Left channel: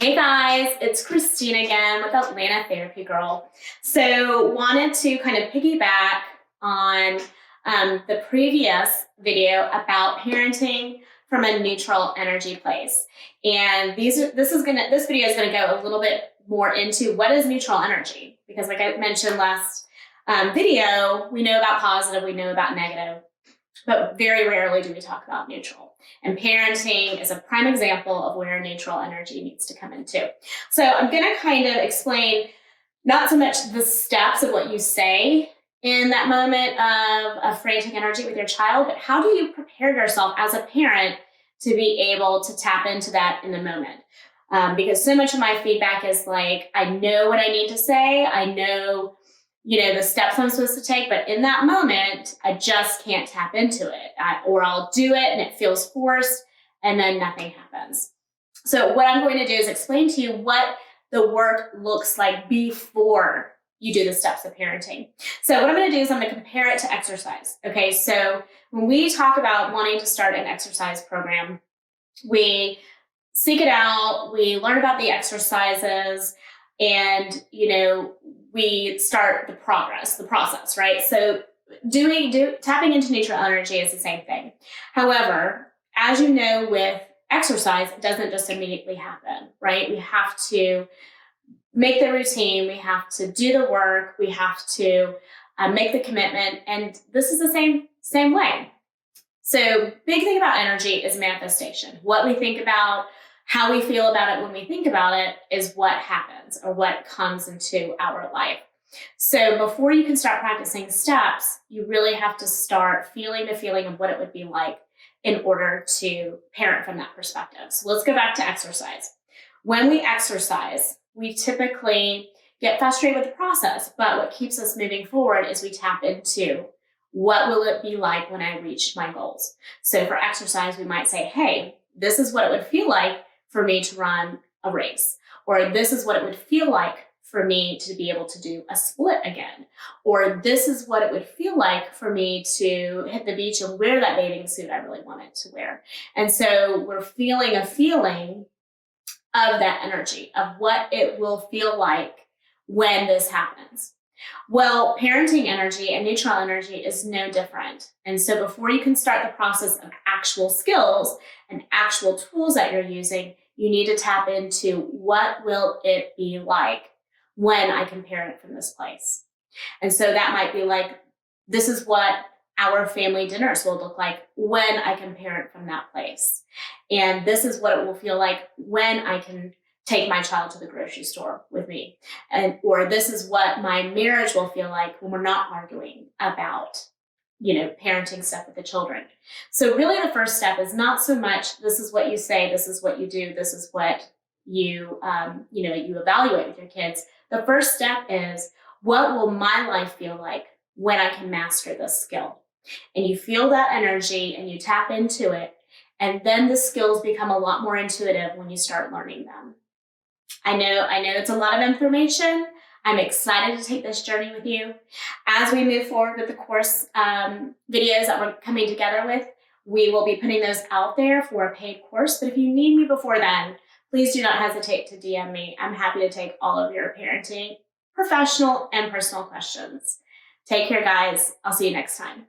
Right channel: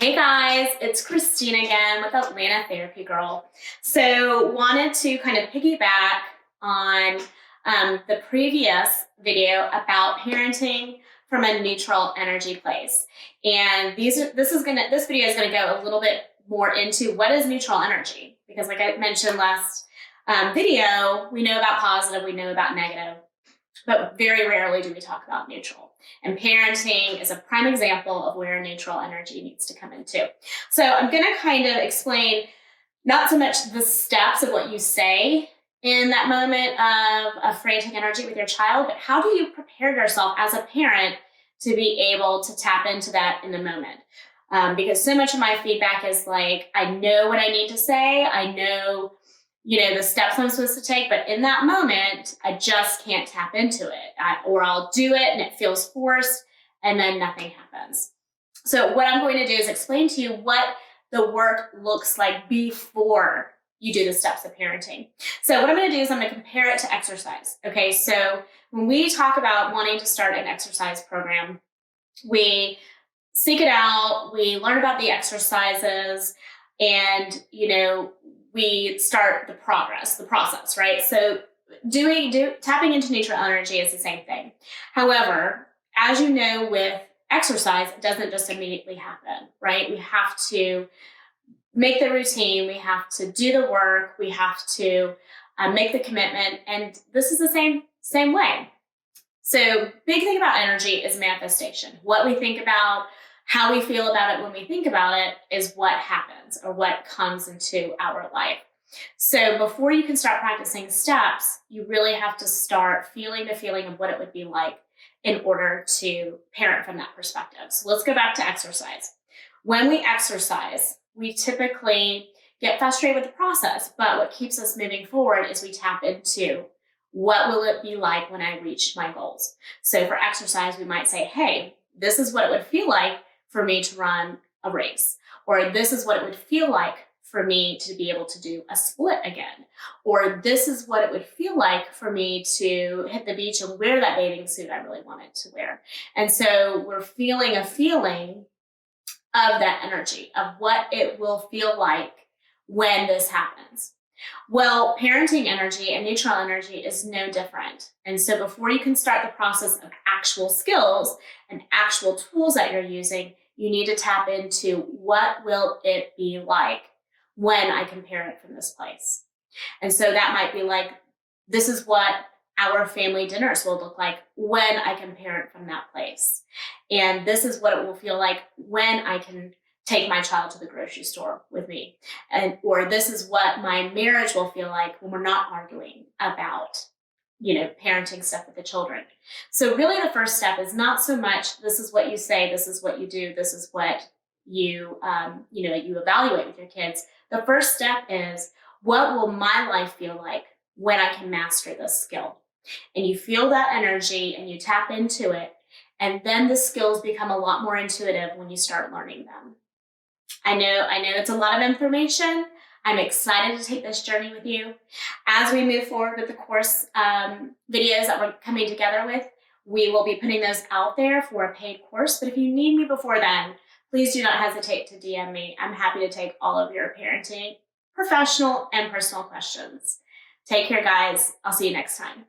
Hey guys, it's Christine again with Atlanta Therapy Girl. So wanted to kind of piggyback on the previous video about parenting from a neutral energy place. And this video is gonna go a little bit more into what is neutral energy, because like I mentioned last video, we know about positive, we know about negative, but very rarely do we talk about neutral. And parenting is a prime example of where neutral energy needs to come into. So I'm going to kind of explain not so much the steps of what you say in that moment of frantic energy with your child, but how do you prepare yourself as a parent to be able to tap into that in the moment? Because so much of my feedback is like, I know what I need to say. I know the steps I'm supposed to take, but in that moment, I just can't tap into it, or I'll do it and it feels forced and then nothing happens. So what I'm going to do is explain to you what the work looks like before you do the steps of parenting. So what I'm going to do is I'm going to compare it to exercise. Okay. So when we talk about wanting to start an exercise program, we seek it out, we learn about the exercises, and, we start the process, right? So tapping into neutral energy is the same thing. However, as you know, with exercise, it doesn't just immediately happen, right? We have to make the routine, we have to do the work, we have to make the commitment, and this is the same way. So big thing about energy is manifestation. What we think about, how we feel about it when we think about it is what happens or what comes into our life. So before you can start practicing steps, you really have to start feeling the feeling of what it would be like in order to parent from that perspective. So let's go back to exercise. When we exercise, we typically get frustrated with the process, but what keeps us moving forward is we tap into what will it be like when I reach my goals. So for exercise, we might say, hey, this is what it would feel like for me to run a race, or this is what it would feel like for me to be able to do a split again, or this is what it would feel like for me to hit the beach and wear that bathing suit I really wanted to wear. And so we're feeling a feeling of that energy, of what it will feel like when this happens. Well, parenting energy and neutral energy is no different. And so before you can start the process of actual skills and actual tools that you're using, you need to tap into what will it be like when I can parent from this place. And so that might be like, this is what our family dinners will look like when I can parent from that place. And this is what it will feel like when I can take my child to the grocery store with me. Or this is what my marriage will feel like when we're not arguing about, parenting stuff with the children. So really the first step is not so much, this is what you say, this is what you do, this is what you evaluate with your kids. The first step is, what will my life feel like when I can master this skill? And you feel that energy and you tap into it. And then the skills become a lot more intuitive when you start learning them. I know it's a lot of information. I'm excited to take this journey with you. As we move forward with the course videos that we're coming together with, we will be putting those out there for a paid course. But if you need me before then, please do not hesitate to DM me. I'm happy to take all of your parenting, professional and personal questions. Take care, guys. I'll see you next time.